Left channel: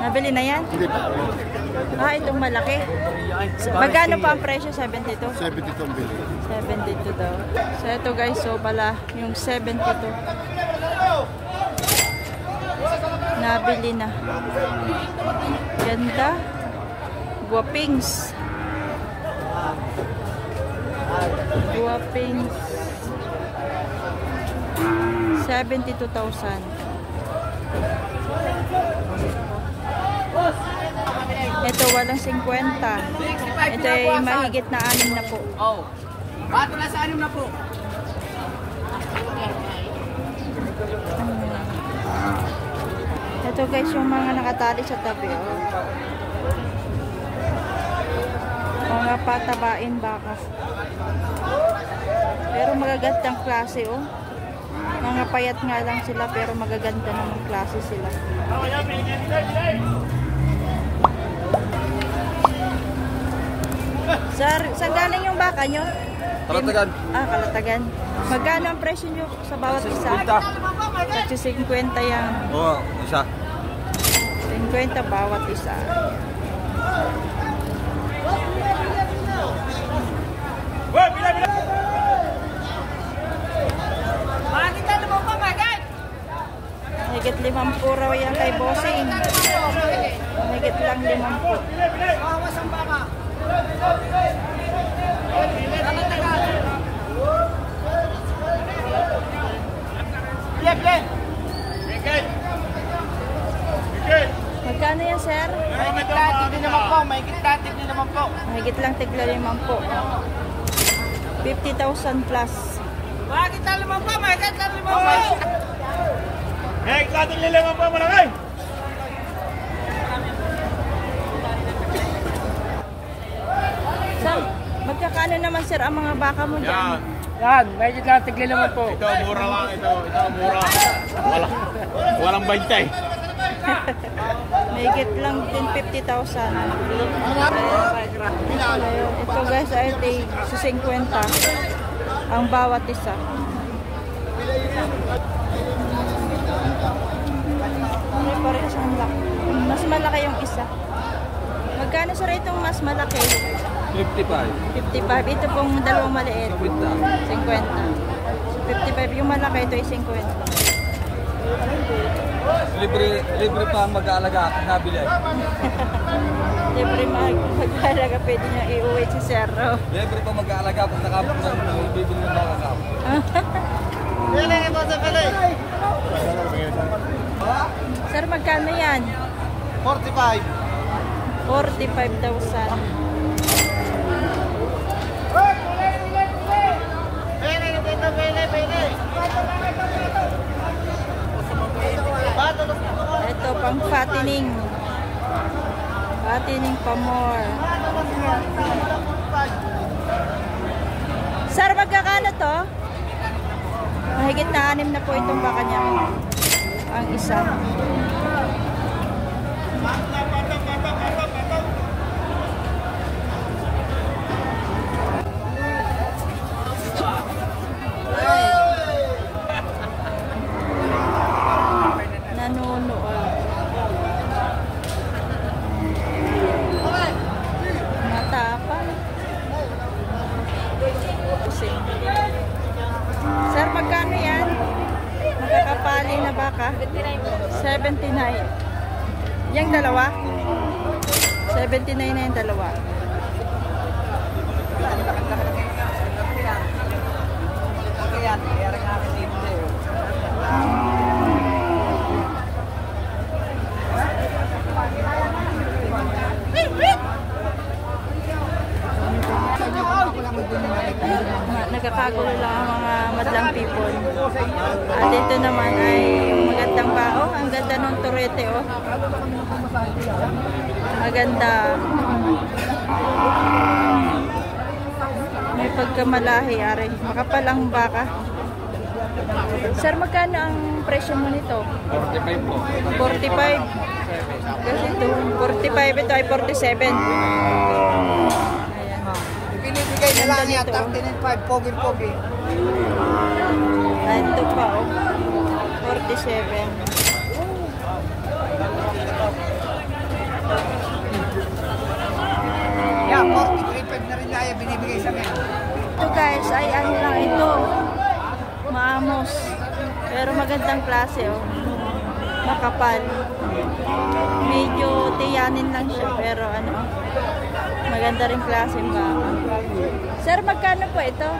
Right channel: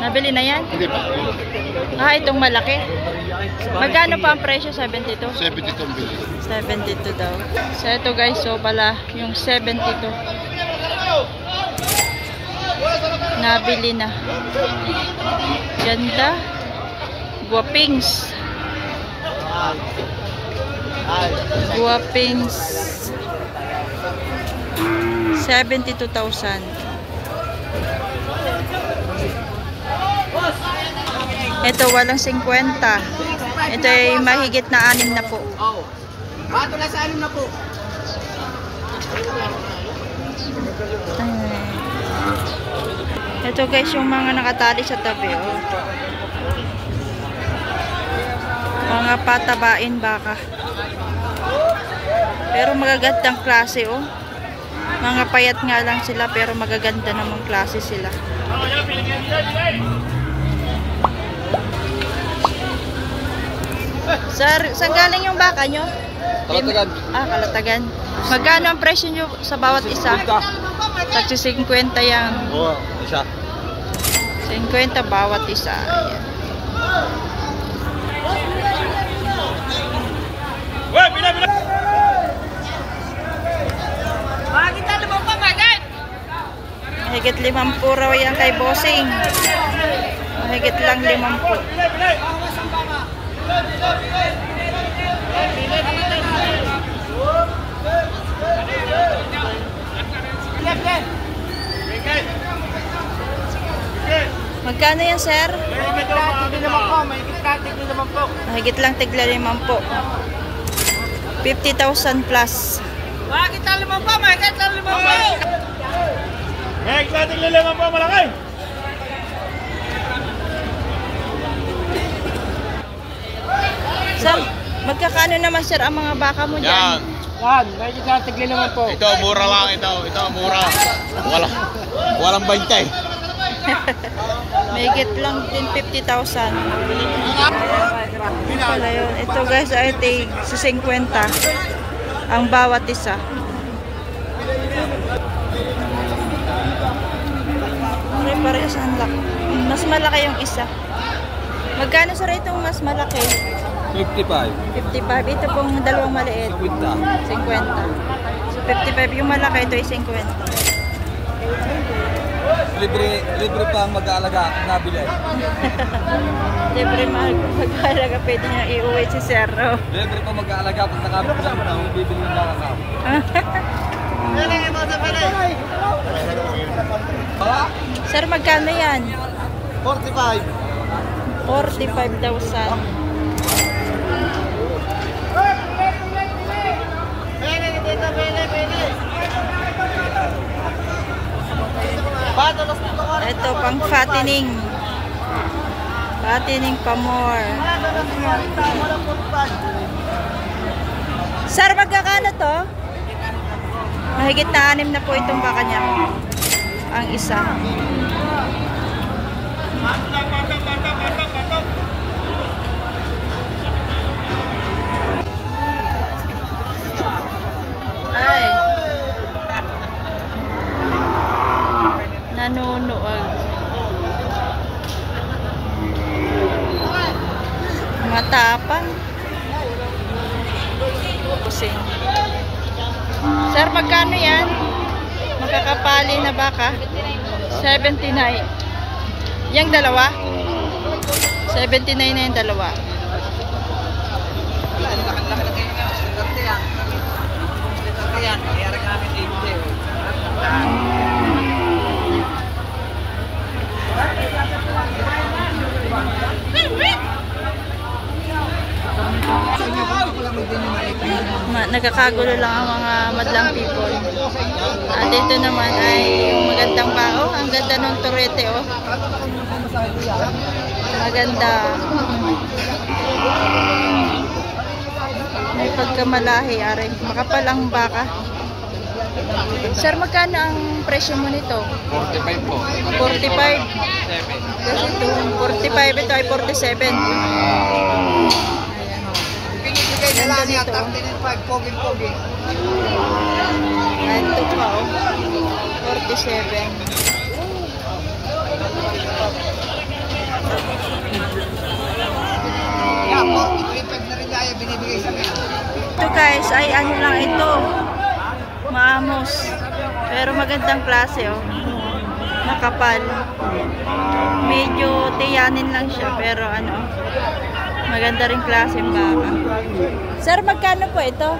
Nabili na yan? Hindi pa. Ah, itong malaki. Magkano pa ang presyo? 72? 72 ang bili. 72 daw. So ito guys, so pala yung 72. Nabili na. Ganda. Guwapings. Guwapings. 72,000. Ito walang 50. Ito ay mahigit na 6 na po. Oh. Bato na sa 6 na po. Ito guys yung mga nakatali sa tabi, oh. Mga patabain baka. Pero magagandang klase, oh. Mga payat nga lang sila pero magaganda namang klase sila. Sir, saan galing yung baka nyo? Kalatagan. Ah, Kalatagan. Magkano ang presyo nyo sa bawat isa? Kasi 50 yan. Oo, isa. 50 bawat isa. Ayan. Mahigit 50 raw yan kay Bossing. Mahigit lang 50. Bawas ang baka. Magkano yan, sir? Mahigit katig din naman po. Mahigit katig din naman po. Mahigit lang tigla 50. 50,000 plus. Mahigit lang 5 po. Mahigit lang 5 po. Hey, kating lilaman po, malaki! Sir, magkakano naman, sir, ang mga baka mo dyan? Yan, mahigit lang tigli naman po. Ito, mura lang ito. Ito, mura. Walang bantay. Mahigit lang din 50,000. Ano pala yun? Ito guys ay tig sa 50 ang bawat isa. Pare-parehas ang laki. Mas malaki yung isa. Magkano sa itong mas malaki? 55. 55. Ito pong dalawang maliit. 50. 50. So 55 yung malaki, ito ay 50. Libre pa ang mag-aalaga at nabili. Libre mag-aalaga, pwede niya iuwi si Cerro. Libre pa mag-aalaga at nakabit ng bibili ng mga kao. Sir, magkano yan? 45. 45,000. Ito pang fattening. Fattening pa more. Sir, magkakano to? Mahigit na 6 na po itong baka niya. Ang isa. Ay. Nanunuag. Matapang. Pusing. Sir, magkano yan? Makakapali na baka? 79. Yang dalawa? 79 na yung dalawa. Nagkakagulo lang ang mga madlang people. At ito naman ay yung magandang bao. Ang ganda ng turete, oh. Maganda. May pagkamalahi, are. Makapalang baka. Sir, magkano ang presyo mo nito? 45 po. 45. Kasi ito, 45. Ito ay 47. Ganda nito, oh. Pogi-pogi. Ito pa, oh. 47. guys ay ano lang ito, maamos. Pero magandang klase oh. Makapal. Medyo tiyanin lang siya pero ano, maganda rin klase yung baka. Sir, magkano po ito?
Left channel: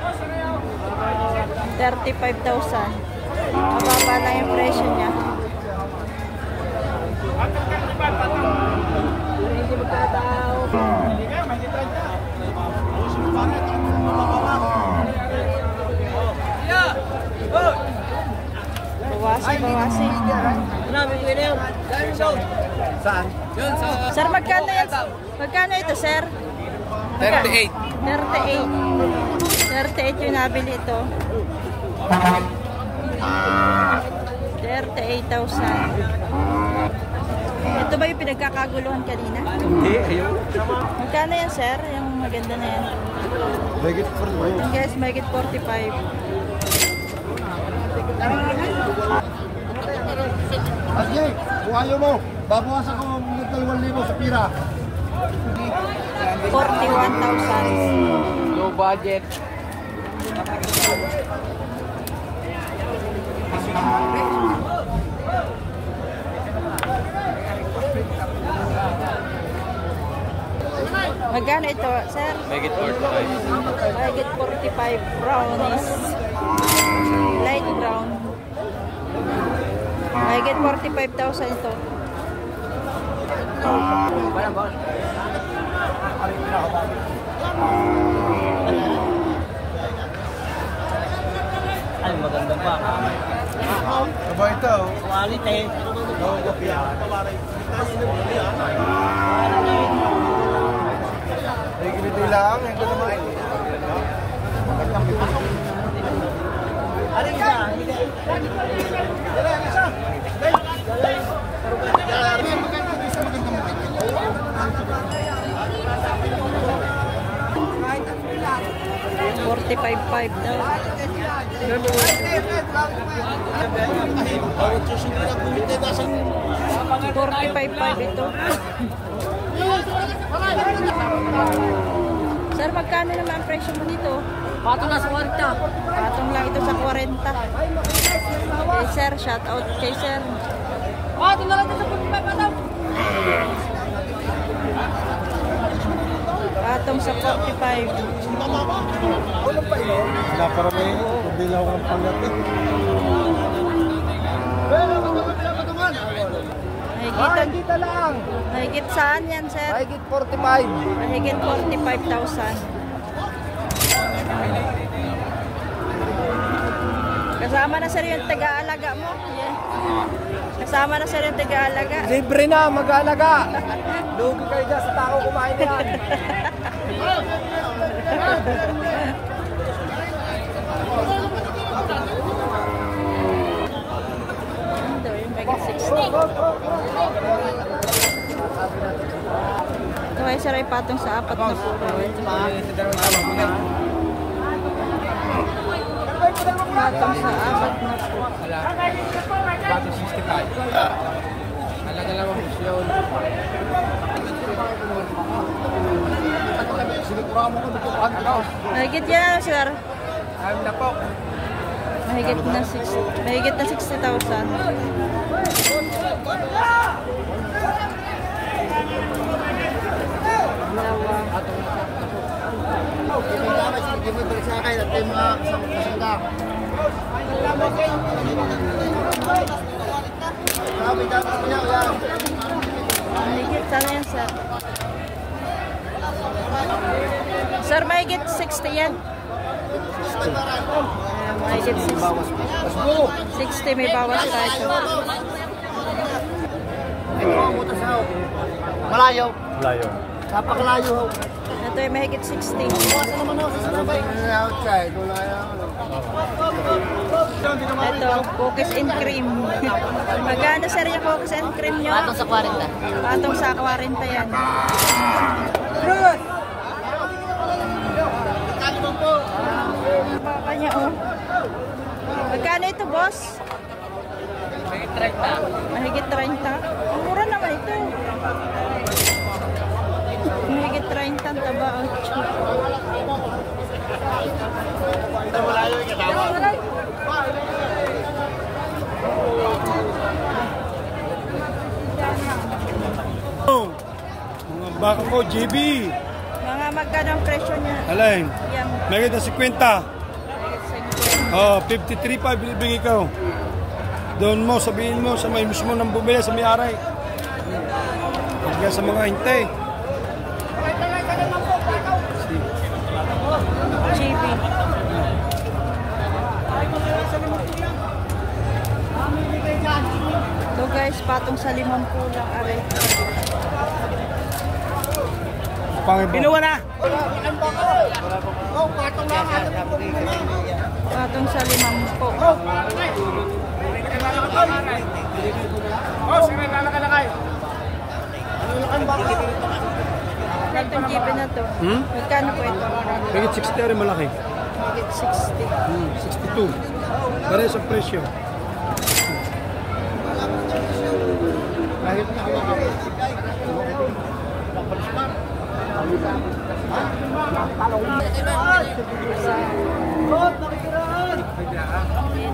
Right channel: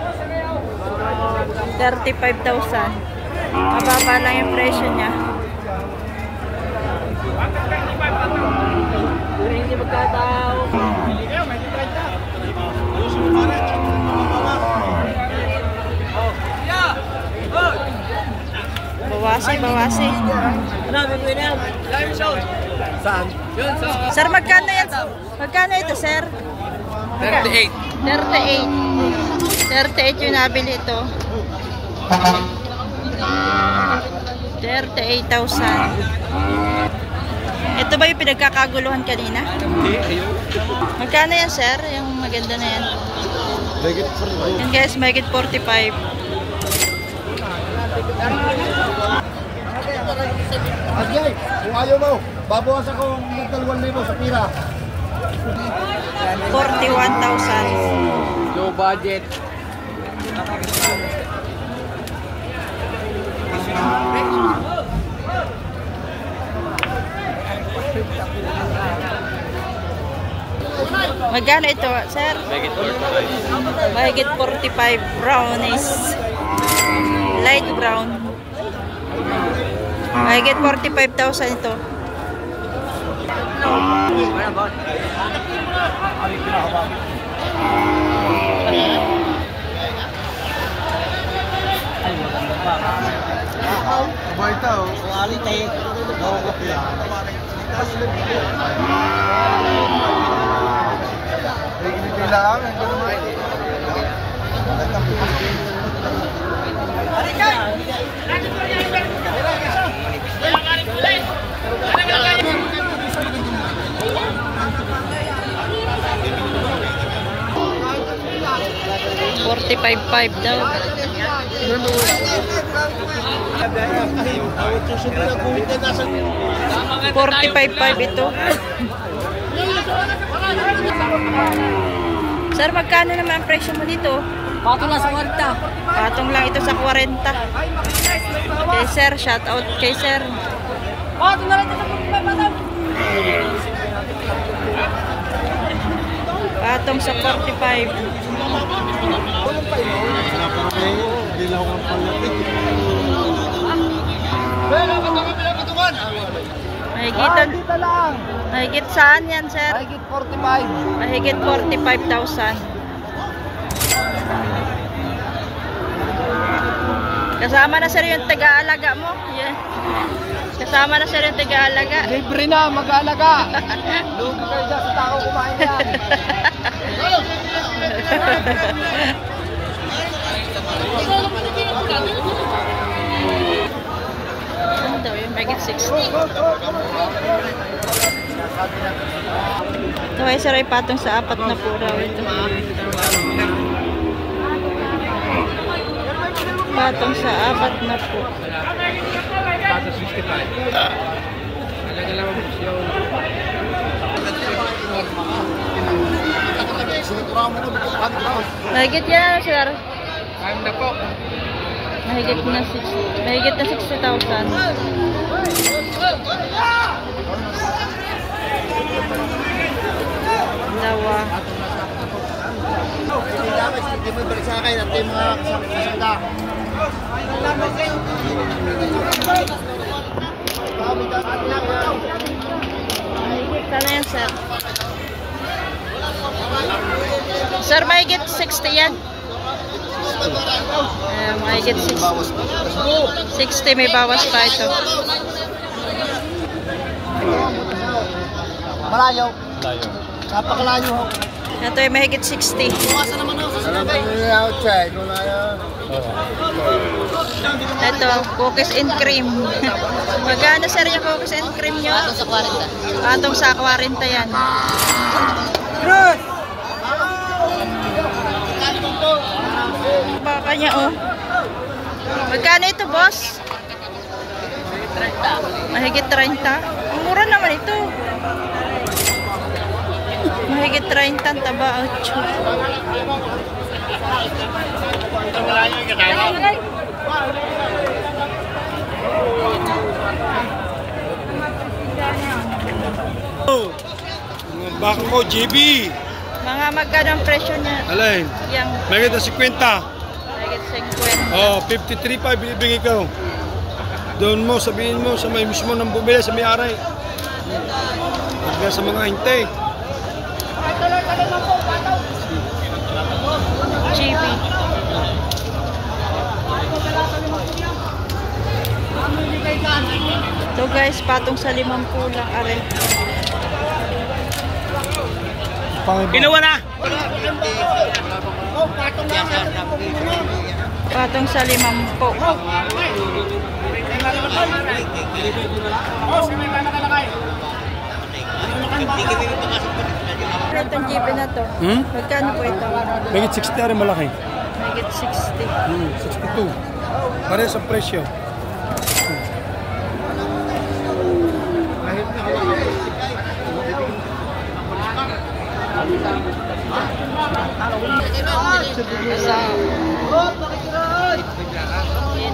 35,000. Mababa lang yung presyo niya. Hindi magkataw. Bawasi. Saan? Sir, magkano yan? Magkano ito, sir? 38. 38 yung nabili ito. 38,000. Ito ba yung pinagkakaguluhan kanina? Magkano yan, sir? Yung maganda na yan. Yan guys, mahigit 45. Ajay, kung ayaw mo, babawasan ko ng 2,000 sa pira. 41,000. Low budget. Magkano ito, sir? Mahigit 45. Brownies. Light brown. Mahigit 45,000 ito. Ay, maganda pa. Iba ito. Quality. Hindi lang. $45,500 daw. 45,500 ito. Sir, magkano naman ang presyo mo dito? Patong lang sa 40. Patong lang ito sa 40. Okay, sir. Shout out kay sir. Patong na lang ito sa 45. Patong sa 45. Mahigit saan yan, sir? Mahigit 45. Mahigit 45,000. Kasama na sir yung taga-alaga mo. Yeah. Kasama na sir yung taga-alaga. Libre na, mag-aalaga. Lugi kayo dyan sa tao kumain yan. Ano daw yung mahigit 60? Ito ay sir ay patong sa 4 na puraw. Ito. Patong sa 4 na po. Mahigit yan, sir. Ayun na po. Mahigit na 60. Mahigit na 60,000. Dawa. Sana yan, sir. Sir, mahigit 60 yan. Mahigit 60. 60, may bawas pa ito. Malayo. Napakalayo ho. Ito ay mahigit 60. Iwasan naman ho sa sinabay. Ito, cookies and cream. Magkano sir yung cookies and cream nyo? Patong sa 40. Patong sa 40 yan. Baka niya oh. Magkano ito, boss? Mahigit 30. Ang mura naman ito. Mahigit 30 ang taba. 8. Baka ko, JB. Mga magkano ang presyo niya? Alin? Yang May kita 50. mahigit 50. Oh, 53.5 binibigay ko. Doon mo, sabihin mo sa may mismo ng bumili sa may-ari. Huwag sa mga hintay. GB. So guys, patong sa 50 lang are. Ginawa na! Patong sa 50. Itong GB na to. Magkano po ito? May 60 rin malaki. Mahigit 60. 62. Pare sa presyo.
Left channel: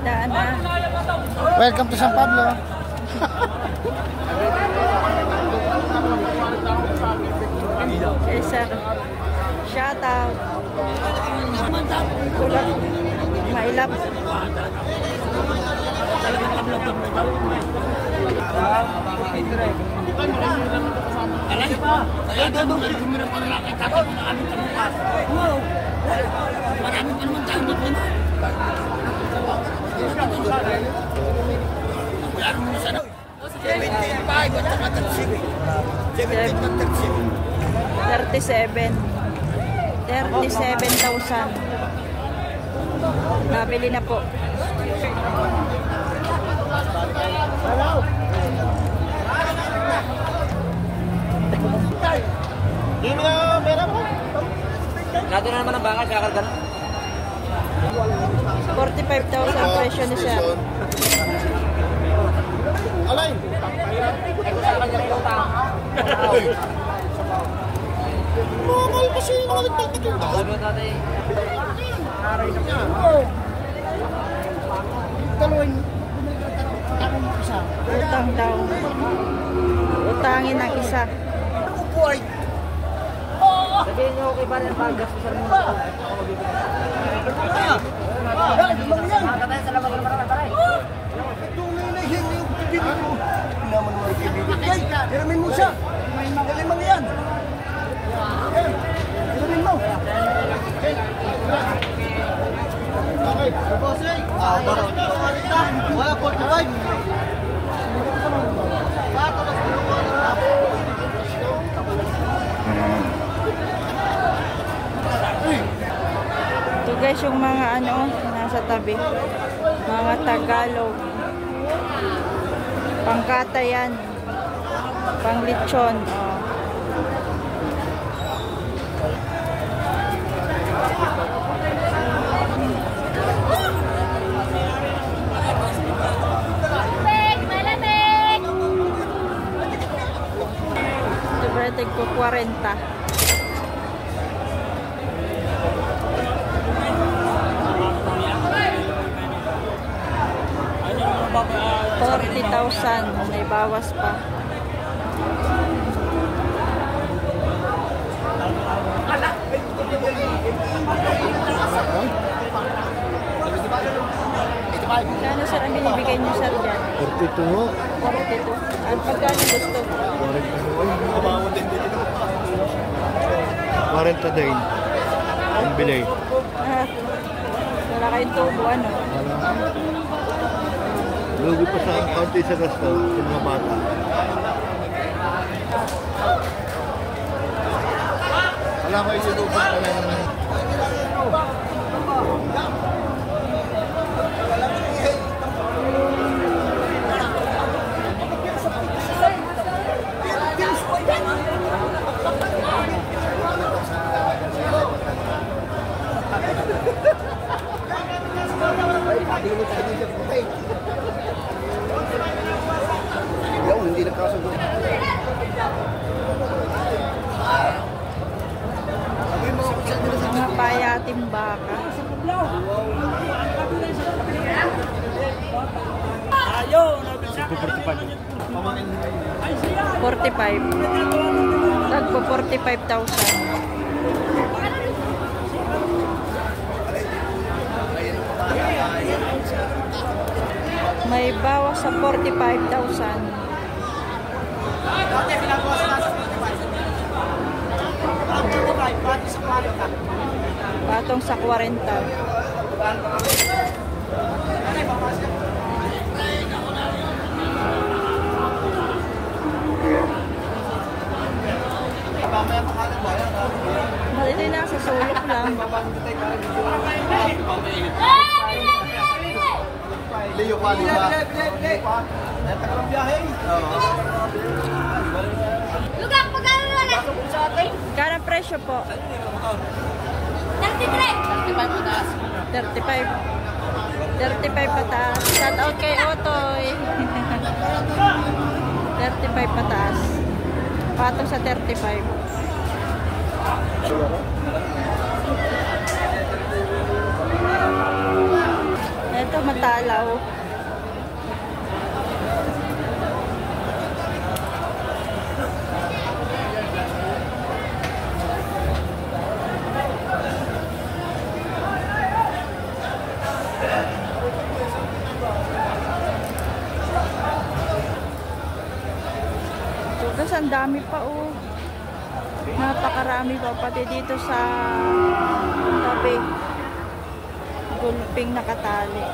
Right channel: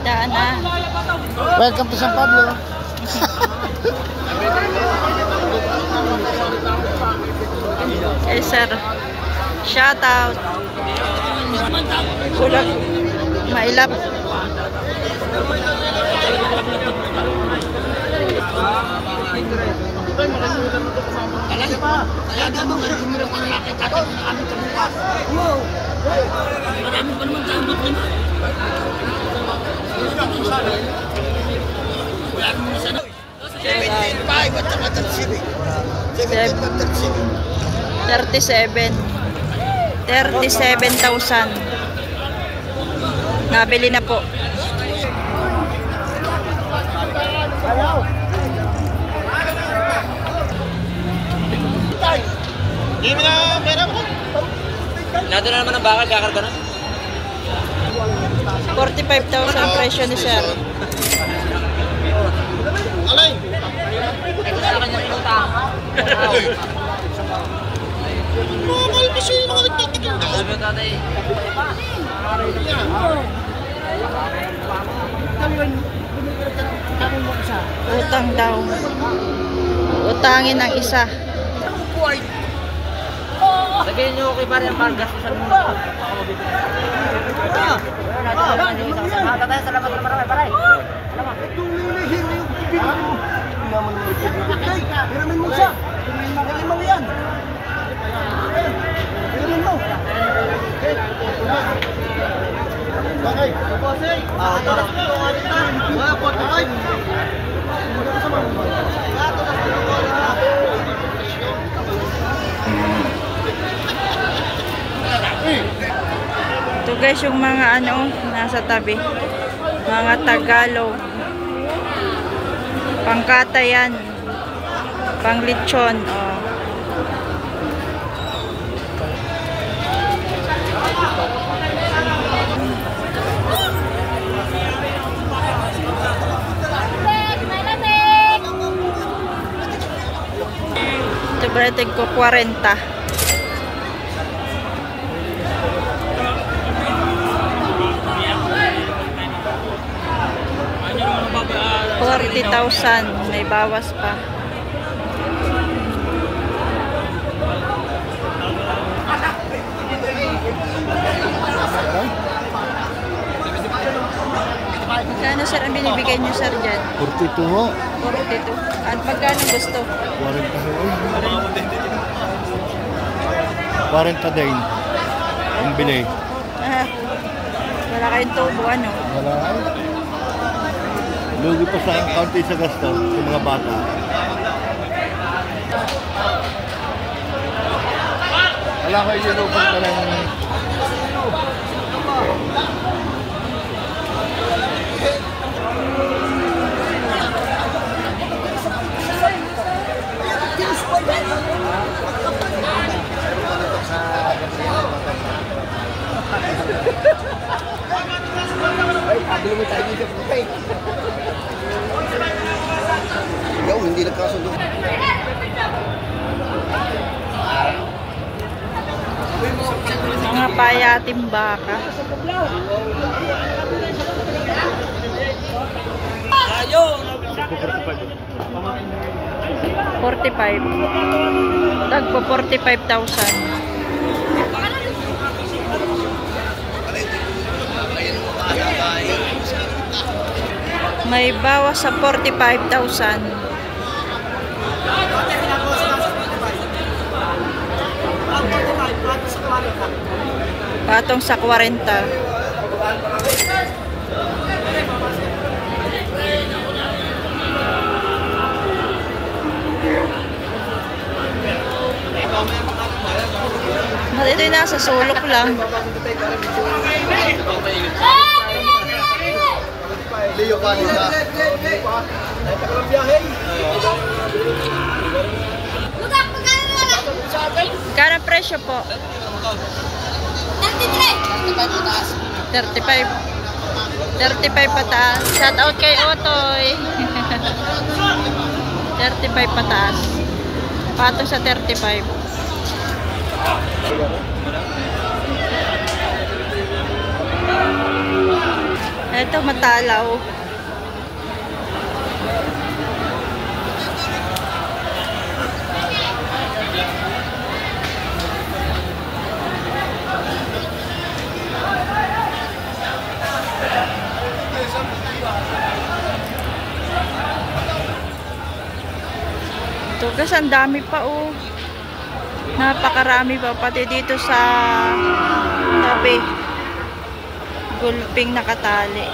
Daan na. Welcome to San Pablo. Eh sir, shout out. Kulang mailap. Seven. 37,000. Nabili na po. Hindi mo na pera mo. Nado na naman ang bakal, kakarga na. 45,000 presyo ni sir. Alay! Mahal pa siya yung mga nagpapaking daw. Utang daw. Utangin ng isa. Sabihin nyo okay pa rin ang pargas sa mga. Ako mabibili. Salamat na marami, paray. Hiramin mo siya. Magaling yan. Hiramin mo. Okay. Ito guys yung mga ano nasa tabi. Mga Tagalog. Pangkata yan. Panglitsyon. Oh. Ito ba natin ko 40. 40,000, may bawas pa. Magkano sir ang binibigay niyo sir dyan? 42 ho. 42. At magkano gusto? 40 din. Ang binay. Ah, wala kayong tubo ano? Wala. Lugi pa sa kaunti sa gasto sa mga bata. Wala kayo sinupan pa lang. Ikaw, hindi nagkasundo. payating baka. $45. Tagpo 45,000. May bawas sa 45,000. Patong sa 40. Ito yung nasa sulok lang. Kano presyo po? 35. 35 pataas. Shout out kay Otoy. 35 pataas. Patong sa 35. Ito matalaw. Ito guys, ang dami pa oh. Napakarami pa pati dito sa tabi. Gulping nakatali.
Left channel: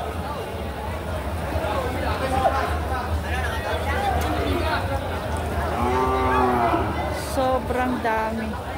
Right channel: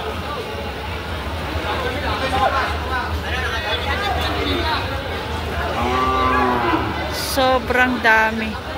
Sobrang dami.